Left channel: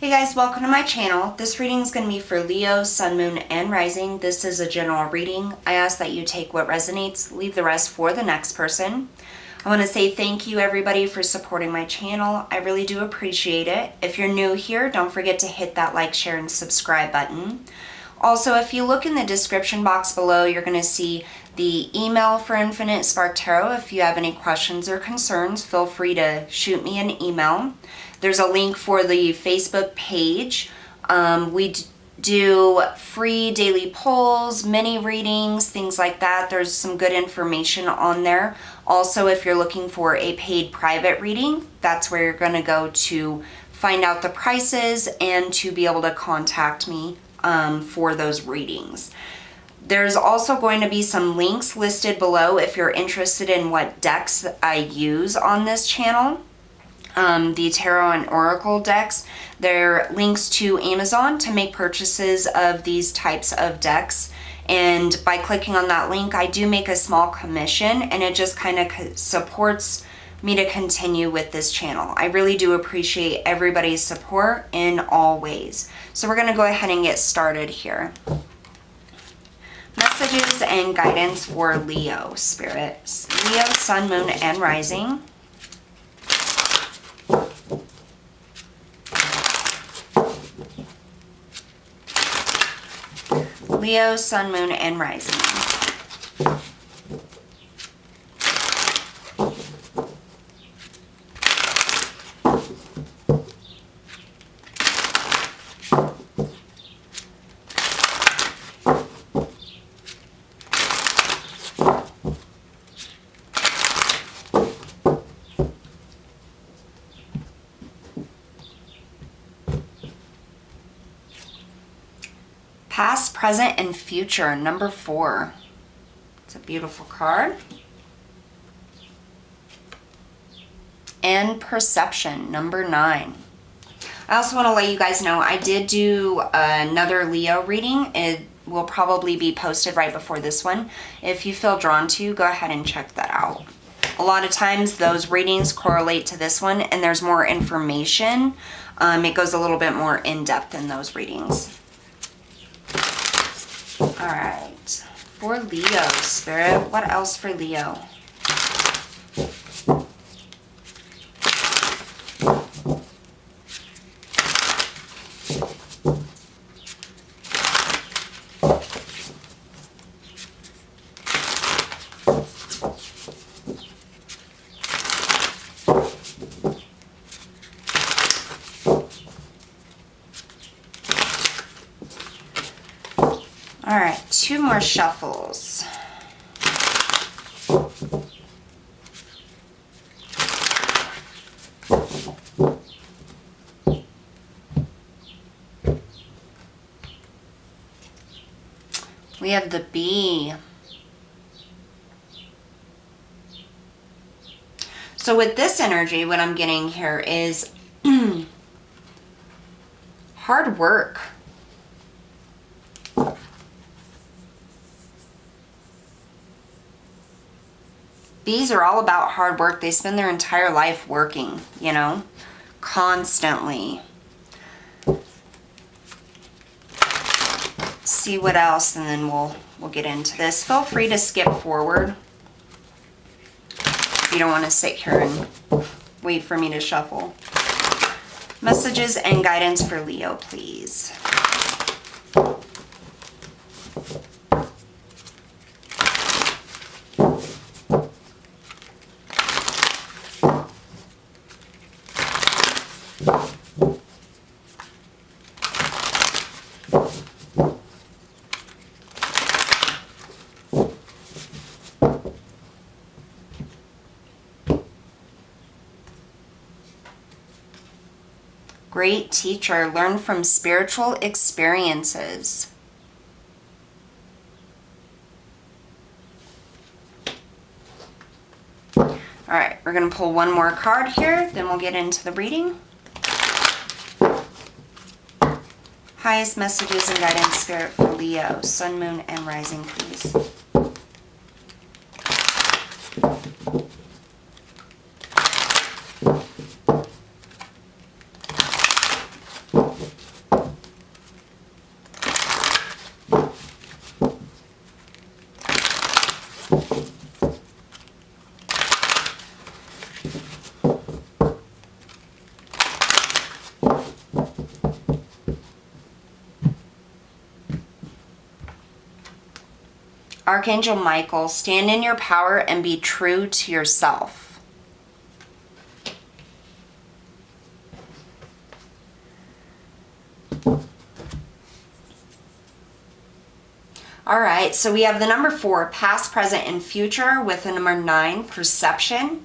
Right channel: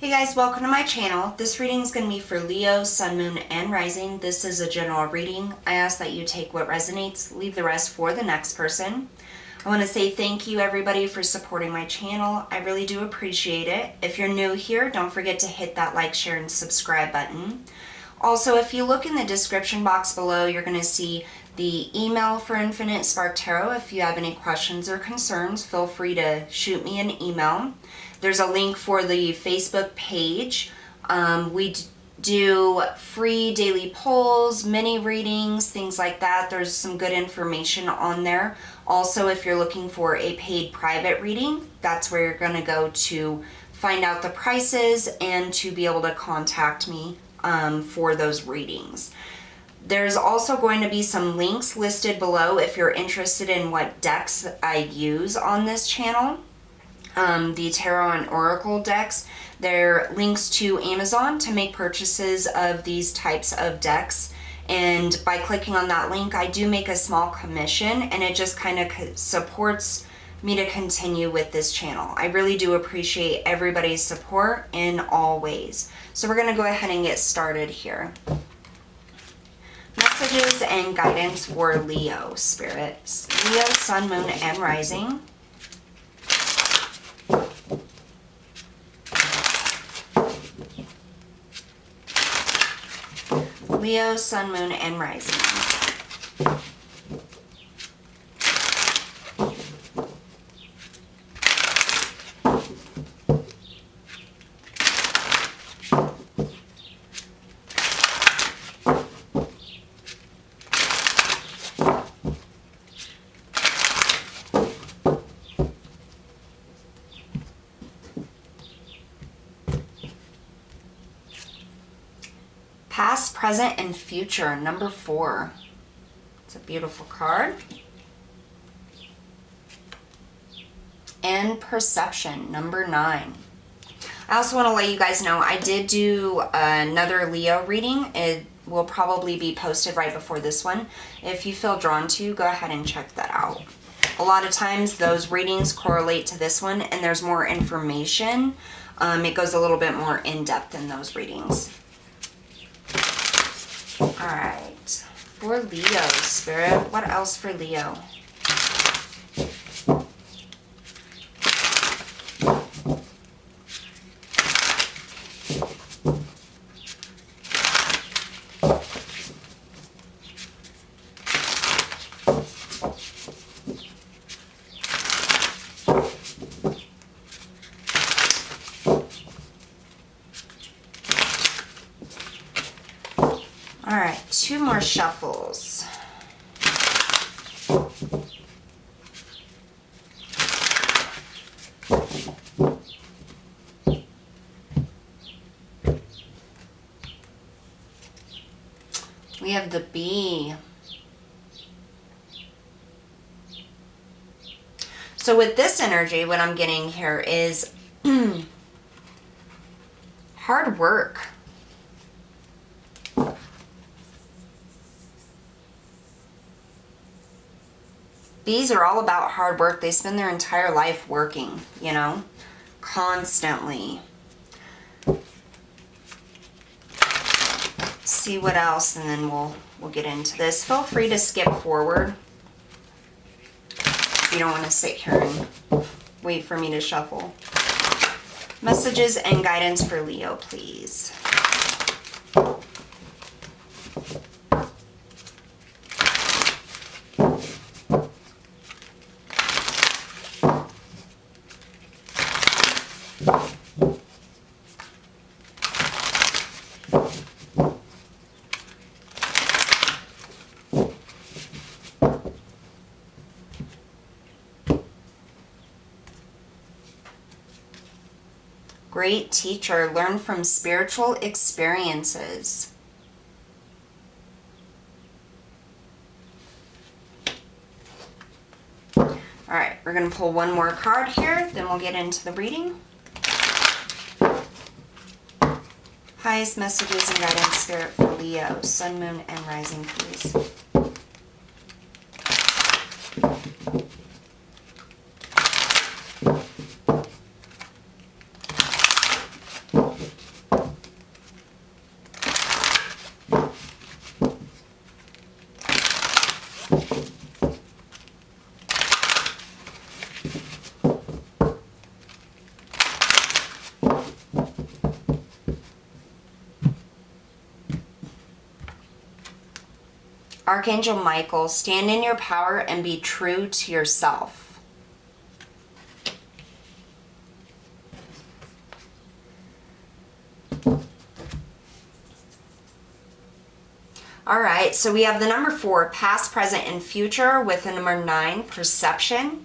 Hey guys, welcome to my channel. This reading is going to be for Leo, Sun, Moon, and Rising. This is a general reading. I ask that you take what resonates, leave the rest for the next person. I want to say thank you everybody for supporting my channel. I really do appreciate it. If you're new here, don't forget to hit that like, share, and subscribe button. Also, if you look in the description box below, you're going to see the email for Infinite Spark Tarot. If you have any questions or concerns, feel free to shoot me an email. There's a link for the Facebook page. We do free daily polls, mini readings, things like that. There's some good information on there. Also, if you're looking for a paid private reading, that's where you're going to go to find out the prices and to be able to contact me for those readings. There's also going to be some links listed below if you're interested in what decks I use on this channel. The Tarot and Oracle decks. There are links to Amazon to make purchases of these types of decks. And by clicking on that link, I do make a small commission, and it just kind of supports me to continue with this channel. I really do appreciate everybody's support in all ways. So we're going to go ahead and get started here. Messages and guidance for Leo, Spirit. Leo, Sun, Moon, and Rising. Leo, Sun, Moon, and Rising. Past, present, and future, number 4. It's a beautiful card. And perception, number 9. I also want to let you guys know I did do another Leo reading. It will probably be posted right before this one. If you feel drawn to, go ahead and check that out. A lot of times those readings correlate to this one, and there's more information. It goes a little bit more in depth in those readings. Alright, for Leo, Spirit, what else for Leo? All right, 2 more shuffles. We have the Bee. So with this energy, what I'm getting here is hard work. Bees are all about hard work. They spend their entire life working, you know, constantly. Let's see what else, and then we'll get into this. Feel free to skip forward if you don't want to sit here and wait for me to shuffle. Messages and guidance for Leo, please. Great teacher, learn from spiritual experiences. All right, we're going to pull one more card here, then we'll get into the reading. Highest messages and guidance, Spirit, for Leo, Sun, Moon, and Rising, please. Archangel Michael, stand in your power and be true to yourself. All right, so we have the number 4, past, present, and future, with the number 9, perception.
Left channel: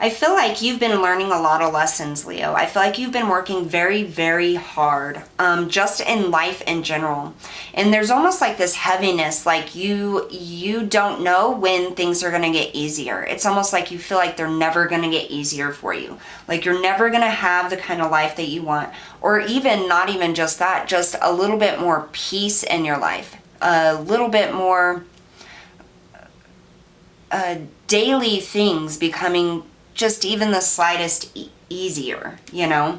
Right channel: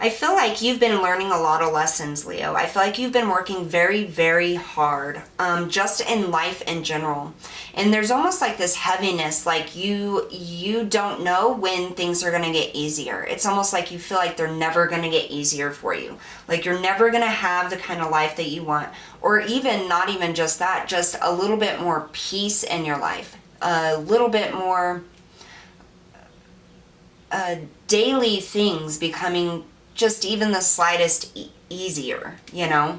I feel like you've been learning a lot of lessons, Leo. I feel like you've been working very, very hard, just in life in general. And there's almost like this heaviness, like you don't know when things are going to get easier. It's almost like you feel like they're never going to get easier for you. Like you're never going to have the kind of life that you want. Or even, not even just that, just a little bit more peace in your life. A little bit more daily things becoming just even the slightest easier, you know?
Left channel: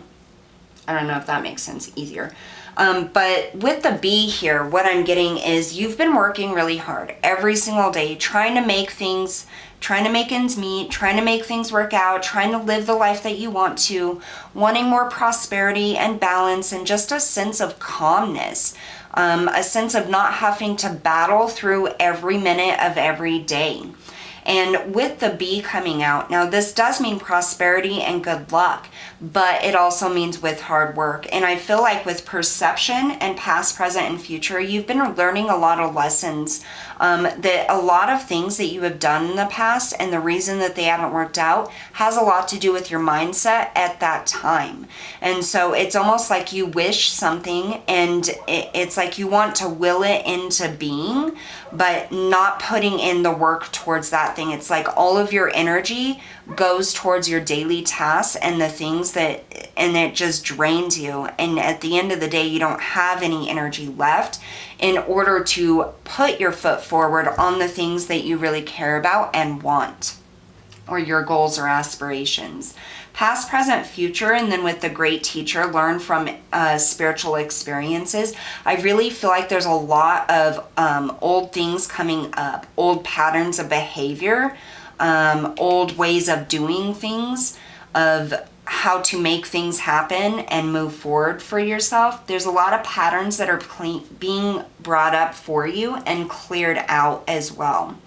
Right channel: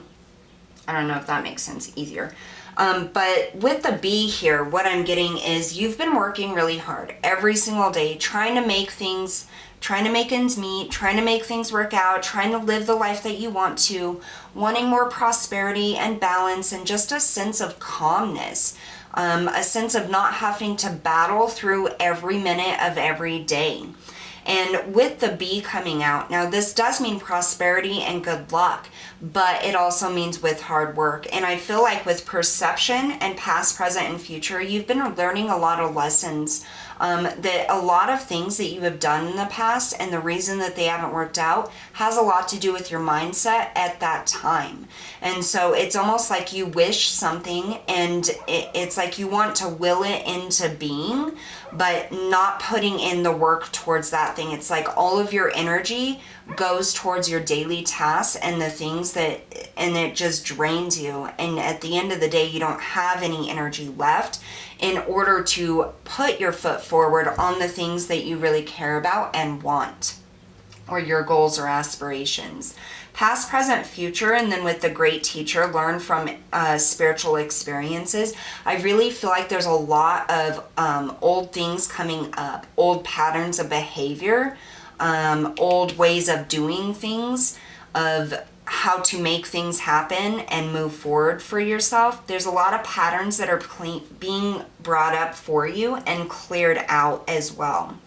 I don't know if that makes sense, easier. But with the B here, what I'm getting is you've been working really hard every single day, trying to make things, trying to make ends meet, trying to make things work out, trying to live the life that you want to, wanting more prosperity and balance and just a sense of calmness, a sense of not having to battle through every minute of every day. And with the B coming out, now this does mean prosperity and good luck, but it also means with hard work. And I feel like with perception and past, present, and future, you've been learning a lot of lessons, that a lot of things that you have done in the past and the reason that they haven't worked out has a lot to do with your mindset at that time. And so it's almost like you wish something and it's like you want to will it into being, but not putting in the work towards that thing. It's like all of your energy goes towards your daily tasks and the things that, and it just drains you. And at the end of the day, you don't have any energy left in order to put your foot forward on the things that you really care about and want, or your goals or aspirations. Past, present, future, and then with the great teacher, learn from spiritual experiences. I really feel like there's a lot of old things coming up, old patterns of behavior, old ways of doing things, of how to make things happen and move forward for yourself. There's a lot of patterns that are being brought up for you and cleared out as well.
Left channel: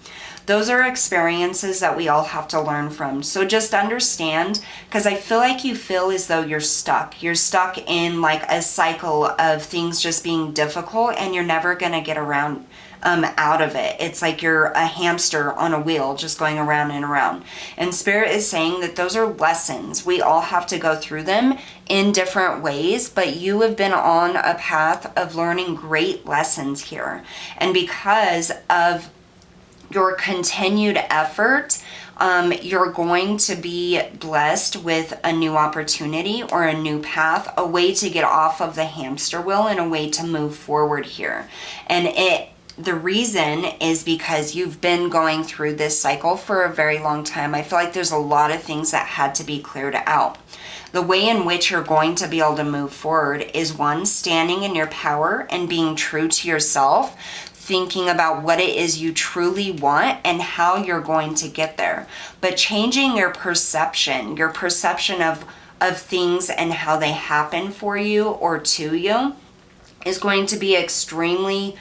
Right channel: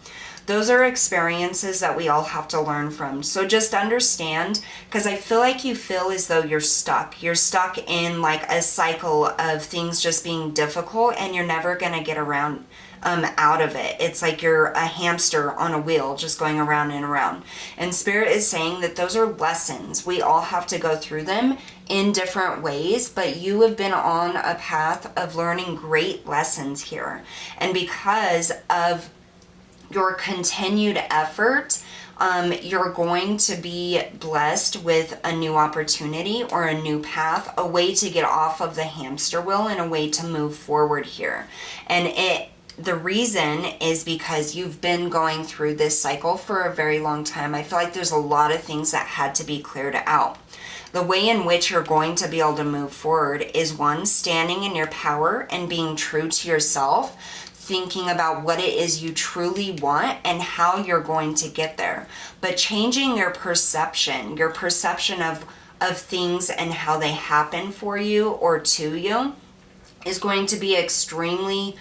Those are experiences that we all have to learn from. So just understand, because I feel like you feel as though you're stuck. You're stuck in like a cycle of things just being difficult and you're never going to get around out of it. It's like you're a hamster on a wheel just going around and around. And Spirit is saying that those are lessons. We all have to go through them in different ways, but you have been on a path of learning great lessons here. And because of your continued effort, you're going to be blessed with a new opportunity or a new path, a way to get off of the hamster wheel and a way to move forward here. And the reason is because you've been going through this cycle for a very long time. I feel like there's a lot of things that had to be cleared out. The way in which you're going to be able to move forward is, one, standing in your power and being true to yourself, thinking about what it is you truly want and how you're going to get there. But changing your perception of things and how they happen for you or to you is going to be extremely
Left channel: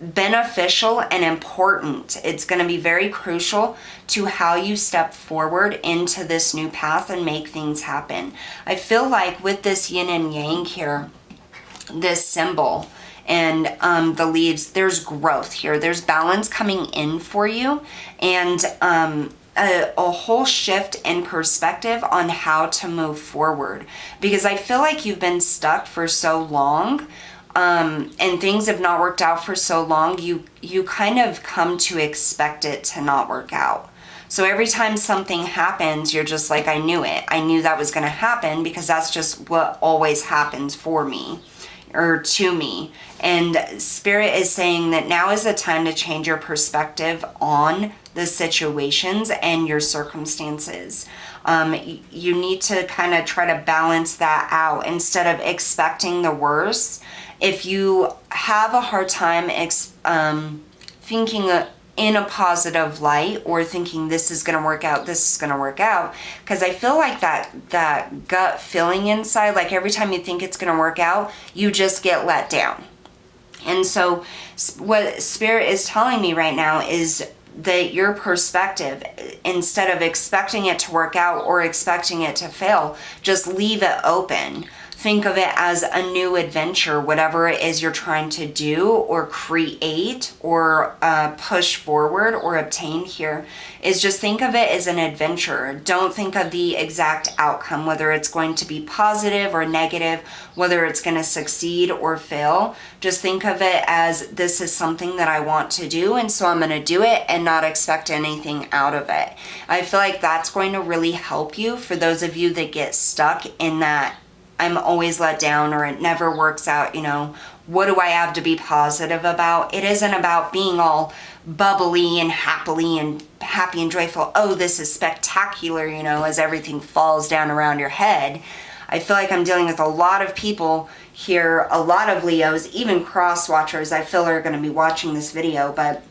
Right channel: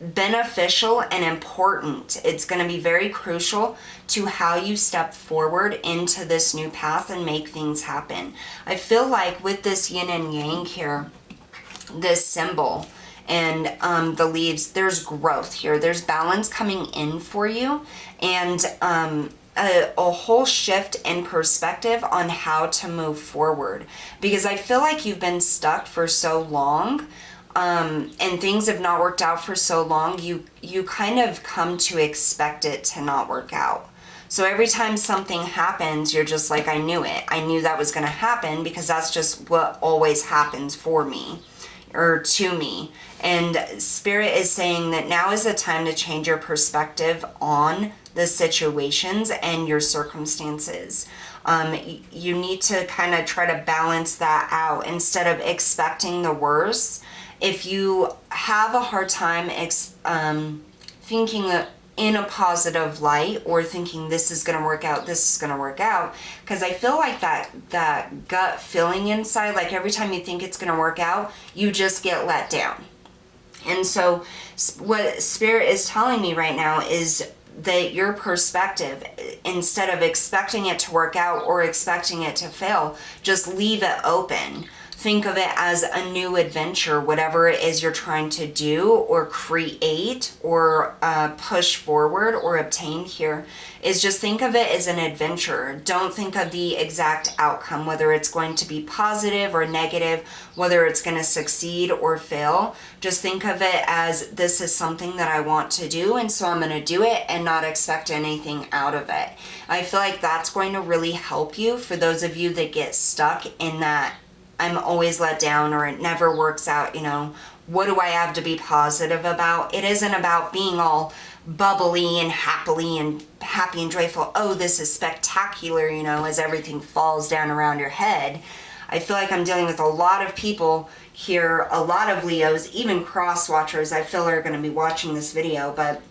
beneficial and important. It's going to be very crucial to how you step forward into this new path and make things happen. I feel like with this yin and yang here, this symbol, and the leaves, there's growth here. There's balance coming in for you, and a whole shift in perspective on how to move forward. Because I feel like you've been stuck for so long, and things have not worked out for so long, you kind of come to expect it to not work out. So every time something happens, you're just like, I knew it. I knew that was going to happen, because that's just what always happens for me or to me. And Spirit is saying that now is the time to change your perspective on the situations and your circumstances. You need to kind of try to balance that out instead of expecting the worst. If you have a hard time thinking in a positive light, or thinking this is going to work out, this is going to work out, because I feel like that gut feeling inside, like every time you think it's going to work out, you just get let down. And so what Spirit is telling me right now is that your perspective, instead of expecting it to work out or expecting it to fail, just leave it open. Think of it as a new adventure, whatever it is you're trying to do or create or push forward or obtain here, is just think of it as an adventure. Don't think of the exact outcome, whether it's going to be positive or negative, whether it's going to succeed or fail. Just think of it as, this is something that I want to do, and so I'm going to do it and not expect anything out of it. I feel like that's going to really help you for those of you that get stuck in that I'm always let down or it never works out, you know, what do I have to be positive about? It isn't about being all bubbly and happy and joyful. Oh, this is spectacular, you know, as everything falls down around your head. I feel like I'm dealing with a lot of people here, a lot of Leos, even cross watchers I feel are going to be watching this video, but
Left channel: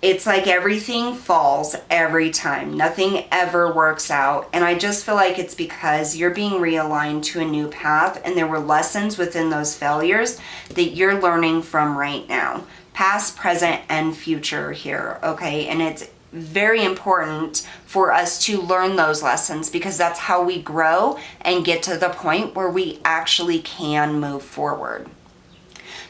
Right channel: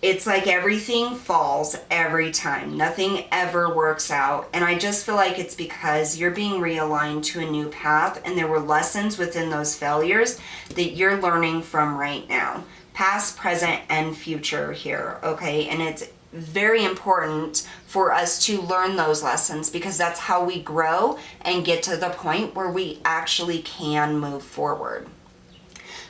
it's like everything falls every time. Nothing ever works out. And I just feel like it's because you're being realigned to a new path, and there were lessons within those failures that you're learning from right now. Past, present, and future here, okay? And it's very important for us to learn those lessons, because that's how we grow and get to the point where we actually can move forward.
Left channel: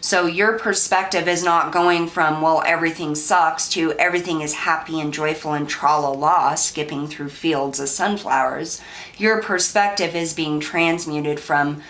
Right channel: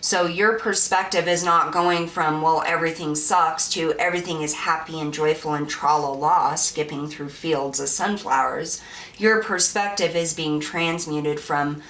So your perspective is not going from, well, everything sucks, to everything is happy and joyful and tra-la-la, skipping through fields of sunflowers. Your perspective is being transmuted from,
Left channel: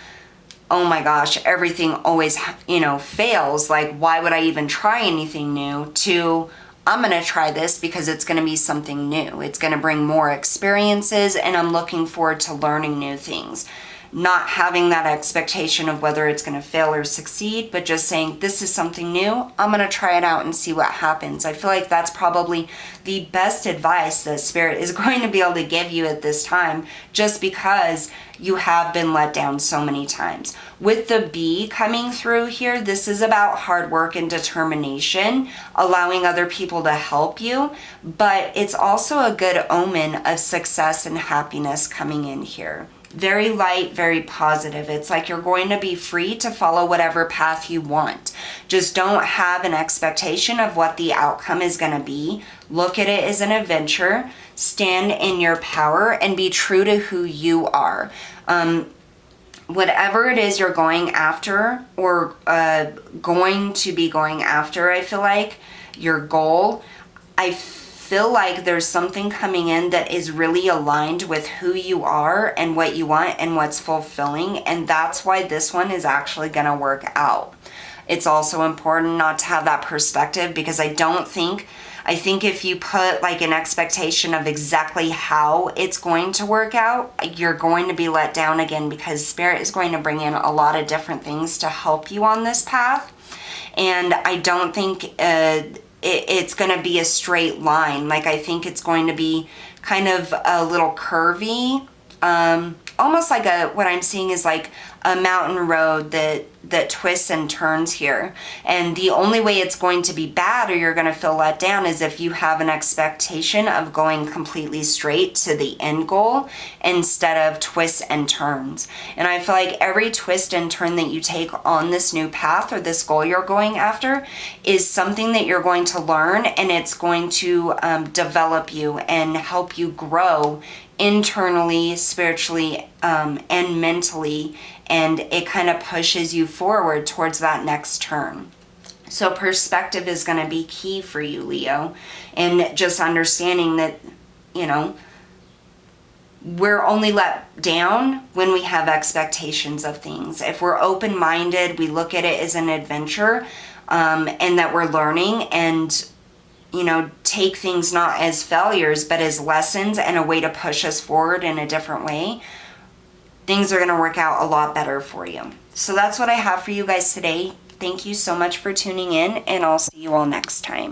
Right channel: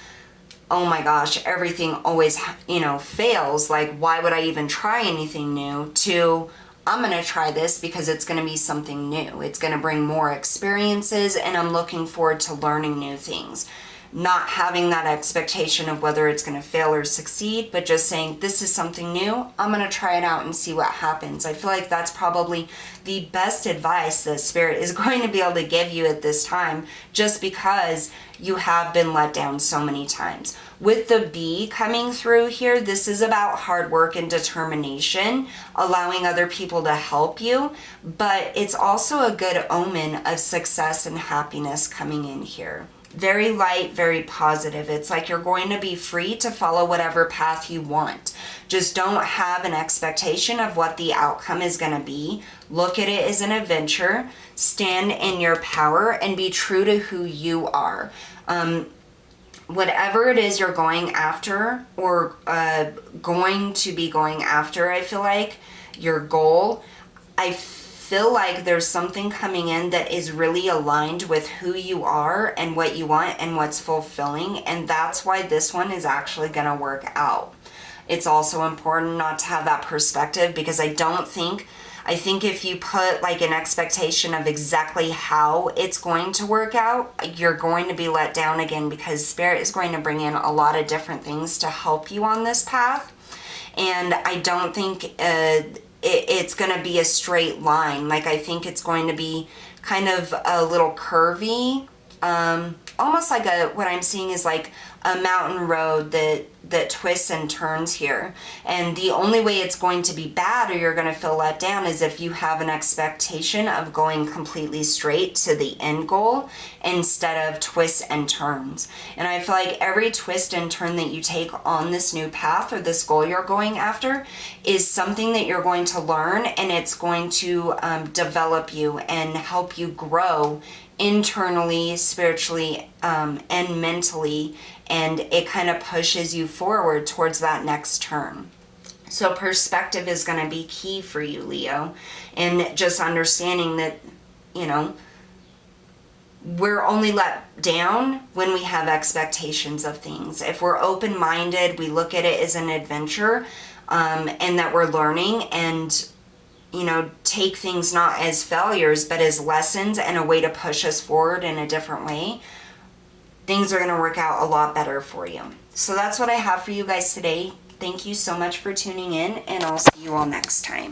oh my gosh, everything always, you know, fails. Like, why would I even try anything new? To, I'm going to try this because it's going to be something new. It's going to bring more experiences, and I'm looking forward to learning new things. Not having that expectation of whether it's going to fail or succeed, but just saying, this is something new. I'm going to try it out and see what happens. I feel like that's probably the best advice that Spirit is going to be able to give you at this time, just because you have been let down so many times. With the bee coming through here, this is about hard work and determination, allowing other people to help you, but it's also a good omen of success and happiness coming in here. Very light, very positive. It's like you're going to be free to follow whatever path you want. Just don't have an expectation of what the outcome is going to be. Look at it as an adventure. Stand in your power and be true to who you are. Whatever it is you're going after, or going to be going after, I feel like, your goal, I feel like there's something coming in that is really aligned with who you are and what you want and what's fulfilling, and that's why this one is actually going to work out. It's also important not to have that perspective, because I think if you put like an expectation of exactly how it's going to work out, you're going to be let down again, because Spirit is going to bring in a lot of different things to help you on this path. And I don't think it's going to be a straight line. Like, I think it's going to be kind of a little curvy, almost like what I'm seeing is like a mountain road that twists and turns here. And the only way it's going to be bad, or you're going to feel let down, is if you have an expectation of going completely straight to the end goal instead of twists and turns. And I feel like every twist and turn that you take on this new path or this goal you're going after is something that you're going to learn, and it's going to develop you and help you grow internally, spiritually, and mentally, and it kind of pushes you forward towards that next turn. So perspective is going to be key for you, Leo, and just understanding that, you know, we're only let down when we have expectations of things. If we're open-minded, we look at it as an adventure, and that we're learning, and you know, take things not as failures, but as lessons and a way to push us forward in a different way, things are going to work out a lot better for you. So that's what I have for you guys today. Thank you so much for tuning in, and I'll see you all next time.